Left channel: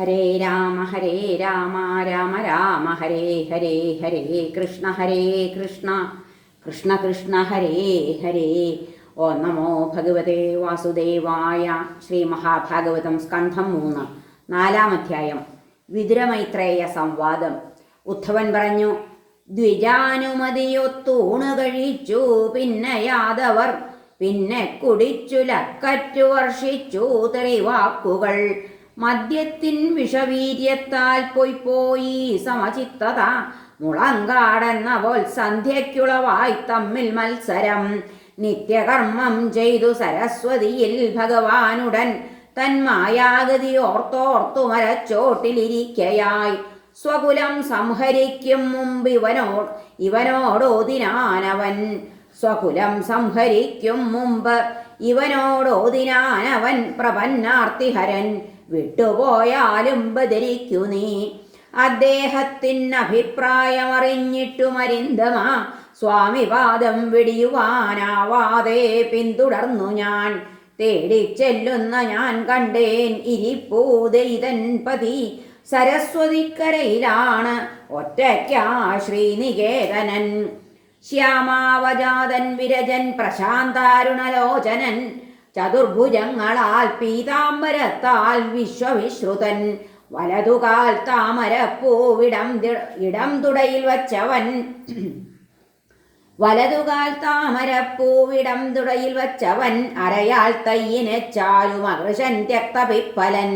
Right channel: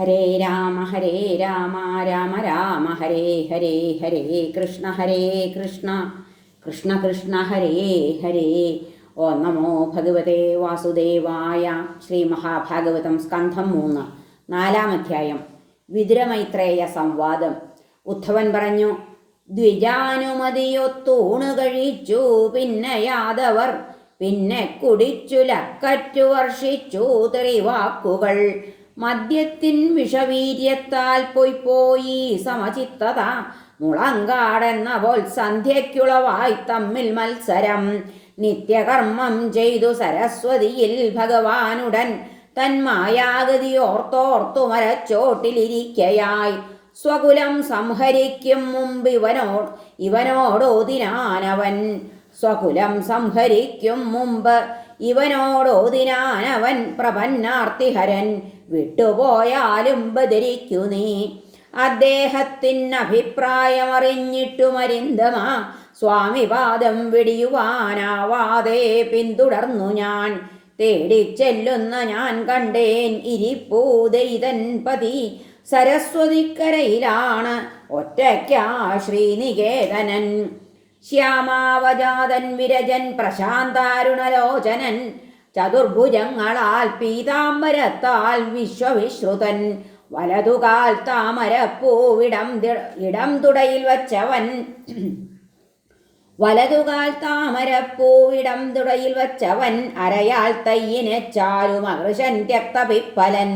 ഹരേ രാമ ഹരേ രാമ രാമ രാമ ഹരേ ഹരേ ഹരേ കൃഷ്ണ ഹരേ കൃഷ്ണ. കൃഷ്ണ കൃഷ്ണ ഹരേ ഹരേ. ഓ നമോ ഭഗവതേ വാസുദേവായ ശ്രീ മഹാഭാഗവതം സ്കന്ധം മൂന്ന് നാലാം അധ്യായം. വിതുരമൈത്രേയ സംവാദം. ഉദ്ധവൻ പറഞ്ഞു ദ്വിജാനുമതിയൊത്തൂണ് കഴിച്ചു പിന്നെ യാദവർ പിന്നെ കുടിച്ചു ലക്കറ്റു വർഷിച്ചു തെളിവാക്കുകൾ. മദ്യത്തിൻ വിഷവീര്യത്താൽ പോയി പോയി സമചിത്തത. മുളങ്കാടെന്ന പോൽ സന്ധ്യയ്ക്കുളവായി തമ്മിൽ മത്സരം. നിത്യകർമ്മം ചെയ്തു സരസ്വതിയിൽ ഭഗവാനുടൻ തന്മായാഗതി ഓർത്തോർത്തു മരച്ചോട്ടിലിരിക്കയായി. സ്വകുലം സംഹരിക്കും മുമ്പ് ഇവനോട് ഇവനോടോതിനാനവൻ. സ്വകുലം സംഹരിക്കും മുമ്പ് ഇവനോടോതിനാനവൻ പ്രപന്നാർത്തിഹരൻ വിട്ടുപോയാലും ബദരിക്കു നീ. അദ്ദേഹത്തിന് അഭിപ്രായമറിഞ്ഞിട്ടു മരിന്തമാ സ്വാമിപാദം വെടിയുവാനാവാതെ പിന്തുടർന്നു ഞാൻ. തേടിച്ചെല്ലുന്ന ഞാൻ കണ്ടേൻ ഇരിപ്പൂതൈതൻ പതി. സരസ്വതിക്കരയിലാണ് ഒറ്റയ്ക്കാ ശ്രീനികേതനൻ. ശ്യാമാവജാതൻ വിരജൻ പ്രശാന്താരുണലോചനൻ ചതുർഭുജങ്ങളാൽ പീതാംബരത്താൽ വിശ്വവിശ്രുതൻ വലതുകാൽ താമരപ്പൂവിടം ഇടം തുടയിൽ വച്ചവൻ വലതുകാൽ താമരപ്പൂവിടം തുടയിൽ വച്ചവൻ അരയാൽ തയ്യിനെ ചാലും അകൃശൻ രക്തപിപ്പലൻ.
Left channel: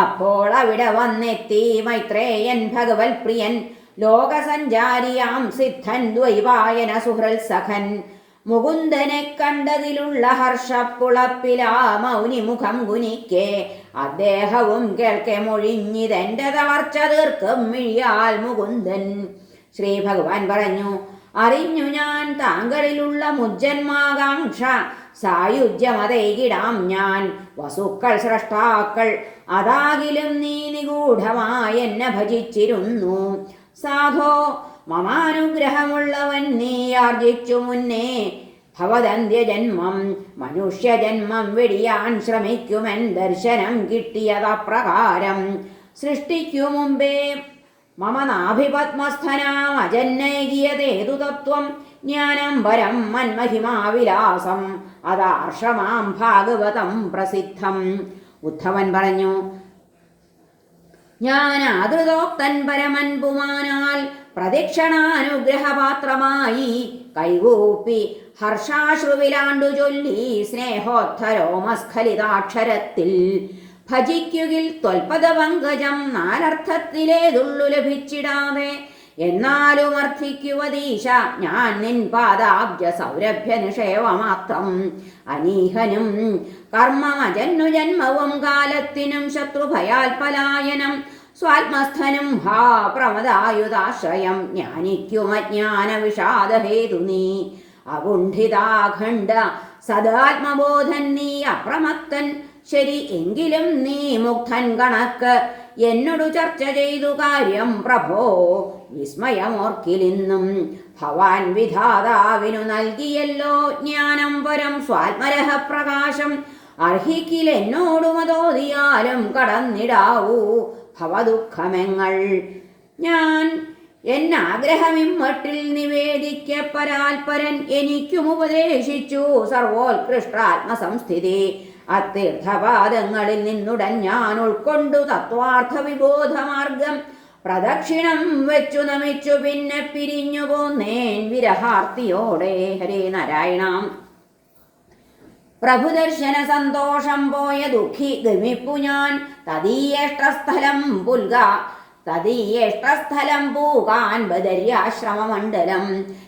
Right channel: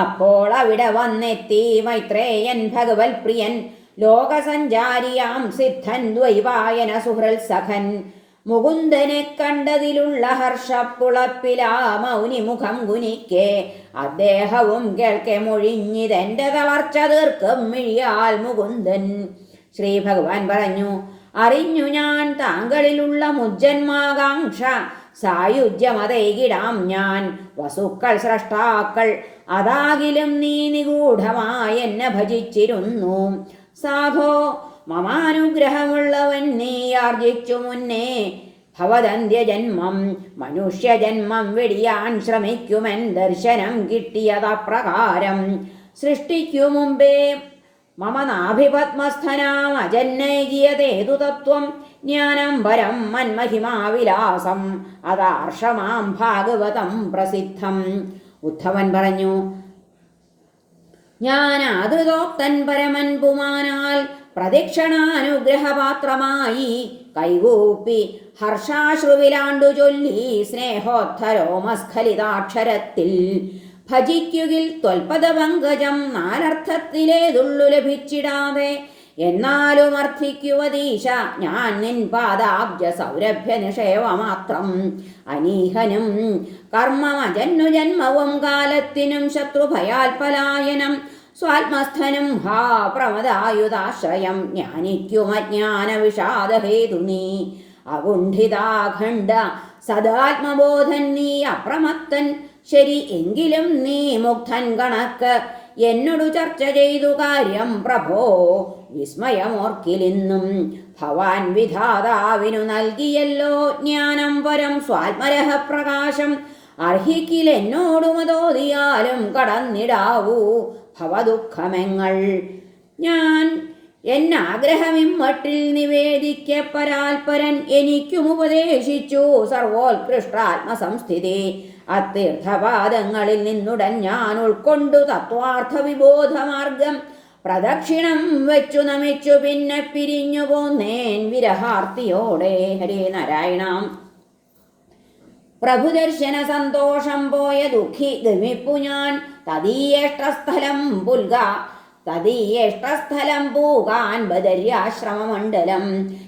അപ്പോൾ അവിടെ വന്നെത്തി മൈത്രേയൻ ഭഗവത് പ്രിയൻ ലോകസഞ്ചാരിയാം സിദ്ധൻ ദ്വൈവായന സുഹൃൽ സഖൻ. മുകുന്ദനെ കണ്ടതിലുള്ള ഹർഷപ്പുളപ്പിലാ മൗനി മുഖം കുനിക്കെ. അദ്ദേഹവും കേൾക്കെ മൊഴിഞ്ഞിതെന്റെ തളർച്ച തീർക്കും മിഴിയാൽ മുകുന്ദൻ. ശ്രീ ഭഗവാൻ പറഞ്ഞു അറിഞ്ഞു ഞാൻ താങ്കളിലുള്ള മുജ്ജന്മാകാംക്ഷ. സായുജ്യമതൈകിടാം ഞാൻ. വസുക്കൾ സ്രഷ്ടാക്കൾ അതാകിലും നീ നിഗൂഢമായി എന്നെ ഭജിച്ചിരുന്നു. സാധോ മമാനുഗ്രഹമുള്ളവൻ നീ ആർജിച്ചു മുന്നേ. ഭവദന്ത്യജന്മം മനുഷ്യജന്മം വെടിയാൻ ശ്രമിക്കുമെൻ ദർശനം കിട്ടിയതപ്രകാരം സൃഷ്ടിക്കു മുമ്പേ. മമ നാഭിപത്മസ്ഥനാം അജന്നൈകിയതേതു തത്വം? ജ്ഞാനം പരം മന്മഹിമാവിലാസം അതാർഷമാം ഭാഗവതം പ്രസിദ്ധം. ഉദ്ധവൻ പറഞ്ഞു ഞാൻ ആദൃതോക്തൻ പരമൻ പുമാനാൽ പ്രദക്ഷിണാനുഗ്രഹപാത്രമായി കൈകൂപ്പി ഹർഷാശ്രുവിലാണ്ടു ചൊല്ലി സ്നേഹോദ്ധരോമസ്ഖലിതാക്ഷരത്തിൽ. ഭജിക്കുകിൽ ത്വൽപദപങ്കജം നാലർത്ഥത്തിലേതുള്ളു ലഭിച്ചിടാതെ എന്നാലും അർത്ഥിക്കുവതീശ ഞാൻ നിൻ പാദാബ്ജ സൗരഭ്യ നിഷേവമാത്രം അനീഹനും കർമ്മമജന്നു ജന്മവും കാലത്തിനും ശത്രുഭയാൽ പലായനം സ്വാത്മസ്ഥനും ഹാ പ്രമദായുധാശ്രയം ജ്ഞാനിക്കുമജ്ഞാന വിഷാദഹേതു നീ. അകുണ്ഠിതാഖണ്ഡ സദാത്മബോധൻ നീ അപ്രമത്തൻ ശരി എങ്കിലും നീ മുക്തൻ കണക്ക്. എന്നോടു ചർച്ച ചെയ്തു കാര്യം പ്രഭോ വിസ്മയമോർക്കിലിന്നും ഭവാൻ വിധാതാവിനു നൽകിയല്ലോ ജ്ഞാനം പരം സ്വാത്മരഹ പ്രകാശം അർഹിക്കിൽ എന്നോടു മതോതിയാലും കടന്നിടാവൂ ഭവദുഃഖമെങ്ങൾ. ഞാൻ എന്നാഗ്രഹമിമ്മട്ടിൽ നിവേദിക്കപ്പരാൽപരൻ എനിക്കും ഉപദേശിച്ചു. സർവോത്കൃഷ്ടാത്മസംസ്ഥിതി. അത്തീർത്ഥപാദങ്ങളിൽ നിന്നുടൻ ഞാൻ ഉൾക്കൊണ്ടു തത്വാർത്ഥ വിബോധമാർഗം പ്രദക്ഷിണം വെച്ചു നമിച്ചു. പിന്നെ പിരിഞ്ഞു പോന്നേൻ വിരഹാർത്തിയോടെ. ഹരേ നാരായണാം. പ്രഭുദർശന സന്തോഷം പോയ ദുഃഖി ഗമിപ്പു ഞാൻ. തദീയേഷ്ടസ്ഥലം പുൽക തദീയേഷ്ടസ്ഥലം പൂകാൻ ബദര്യാശ്രമമണ്ഡലം.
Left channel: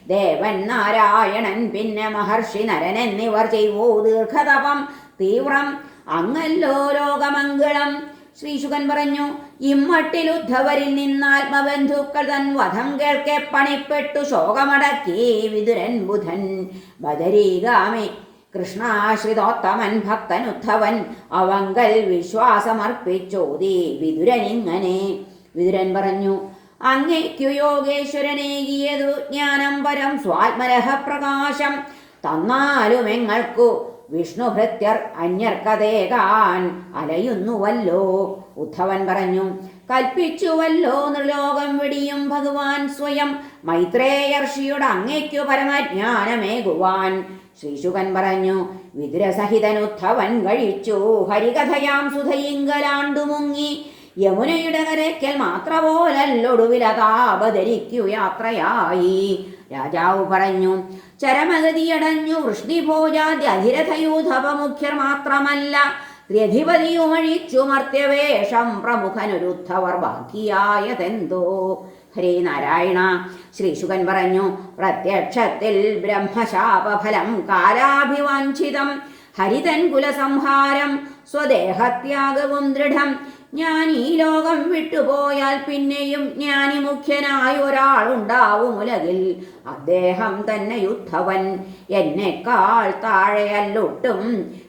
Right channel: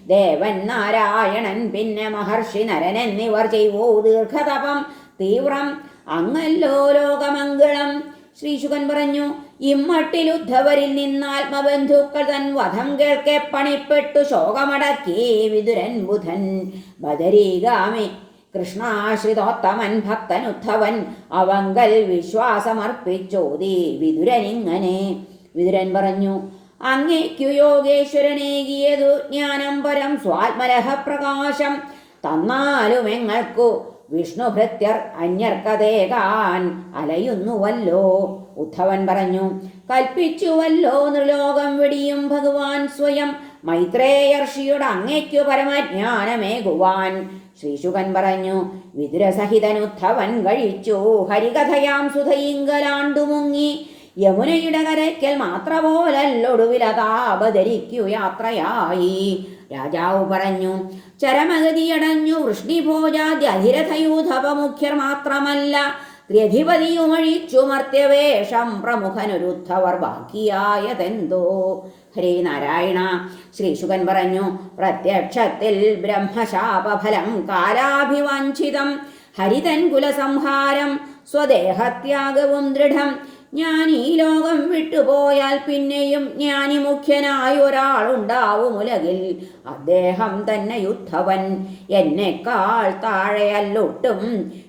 ദേവൻ നാരായണൻ പിന്നെ മഹർഷി നരൻ എന്നിവർ ചെയ്വോ ദീർഘതപം. തീവ്രം അങ്ങല്ലോ ലോകമംഗളം. ശ്രീശുഖൻ പറഞ്ഞു ഇമ്മട്ടിൽ ഉദ്ധവരിൽ നിന്നാത്മബന്ധുക്കൾ തൻ വധം കേൾക്കെ പണിപ്പെട്ടു ശോകമടക്കി വിതുരൻ ബുധൻ. ബദരീഗാമി കൃഷ്ണാശ്രിതോത്തമൻ ഭക്തൻ ഉദ്ധവൻ അവങ്കൽ വിശ്വാസമർപ്പിച്ചോതി വിതുരനിങ്ങനെ വിതുരൻ പറഞ്ഞു അങ്ങേക്കു യോഗേശ്വരനേകിയതു ജ്ഞാനം പരം സ്വാത്മരഹ പ്രകാശം. തന്നാലും എങ്ങൾക്കു വിഷ്ണുഭൃത്യർ അന്യർക്കതേകാൻ അലയുന്നുവല്ലോ ഉദ്ധവൻ പറഞ്ഞു. കൽപ്പിച്ചുവല്ലോ നൃലോകം വിടിയും ഭഗവാൻ സ്വയം മൈത്രേയർഷിയുടെ അങ്ങേക്കു പരമജ്ഞാനമേകുവാൻ. ശ്രീശുകൻ പറഞ്ഞു വിതുരസഹിതനുദ്ധവൻ കഴിച്ചു ഹരികഥയാം സുധയിങ്കലാണ്ടു മുങ്ങി യമുനയുടെ കരയ്ക്കൽ മാത്രപോലല്ലൊടുവിലതാപധരിക്കു യാത്രയായി. രാജാവ് പറഞ്ഞു ചരമഗതിയടഞ്ഞു വൃഷ്ണിഭോജാദ്യ അധിരഥയൂഥപ മുഖ്യർ മാത്രമല്ല ത്ര്യധിപതിയുമഴിച്ചു മർത്യവേഷം പ്രമുഖനൊരുദ്ധവർ ബാക്കിയായതെന്തോ ഹരേ നാരായണ ശ്രീശുകൻ പറഞ്ഞു പ്രത്യക്ഷത്തിൽ ബ്രഹ്മശാപഫലം കാലാഭിവാഞ്ചിതം ഹരിതൻ കുലസംഹാരം സ്വദേഹത്യാഗവും ദൃഢം ഞാൻ ഈ ലോകം വിട്ടുപോയാൽ പിന്നെയും ജ്ഞാനി മുഖ്യനായ ഒരാളുണ്ടാവും ഉലകിൽ. അദ്ദേഹം തന്നെ യുദ്ധവൻ. എന്നെക്കാൾ താഴെയല്ലൊട്ടും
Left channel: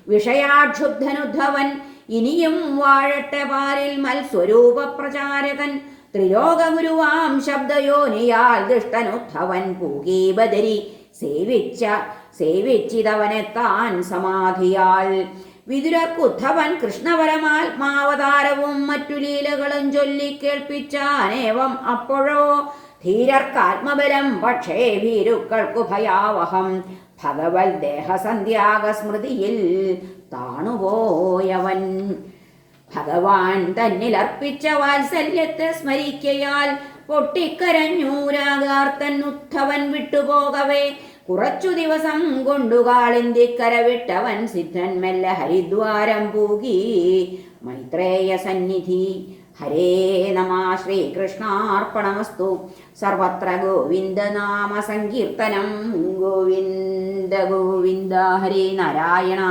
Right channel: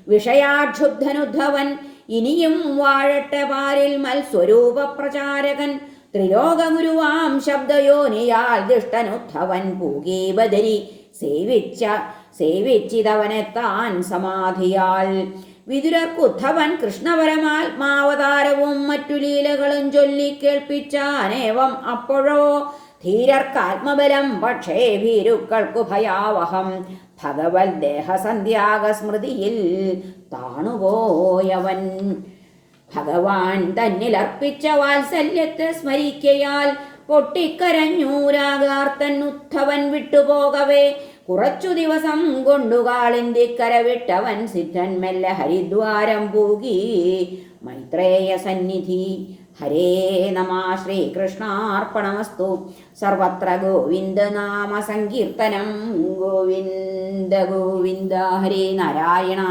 വിഷയാക്ഷുബ്ധനുദ്ധവൻ ഇനിയും വാഴട്ടെ പാരിൽ മത്സ്വരൂപ പ്രചാരകൻ ത്രിലോകഗുരുവാം ശബ്ദയോനിയാൽ ദുഷ്ടനുദ്ധവൻ. പൂകി സേവിച്ച സേവിച്ച സേവിച്ചിതവനെത്താൻ സമാധിയാൽ. വിതുരക്കുദ്ധവൻ കൃഷ്ണപരമാത്മാവതാരവും മറ്റു ലീലകളും ചൊല്ലി കേൾപ്പിച്ചാനേവം അപ്പോഴോ? ധീരർക്കാത്മബലം പക്ഷേ ഭീരുക്കൾക്കു ഭയാവഹം. ഭഗവത് ദേഹസന്ധ്യാഗസ്മൃതിയിൽ താണുപോയവൻ. ഭഗവാൻ തന്നിൽ അർപ്പിച്ച വാത്സല്യത്തെ സ്മരിക്കയാൽ പൊട്ടിക്കരഞ്ഞൂരാകാർത്തൻ ഉദ്ധവൻ വിട്ടുപോകവേ. കുറച്ചു ദിവസം കൊണ്ടു കാളിന്തിക്കര വിട്ടവൻ സിദ്ധൻ മെല്ലെ ഹരിദ്വാരം പൂകി. മൈത്രേയ സന്നിധി ഹരേ നമ ശ്രീകൃഷ്ണാർപ്പണമസ്തു. സർവത്ര ഗോവിന്ദനാമ സങ്കീർത്തനം. ഗോവിന്ദ ഗോവിന്ദ ഹരേ നാരായണ.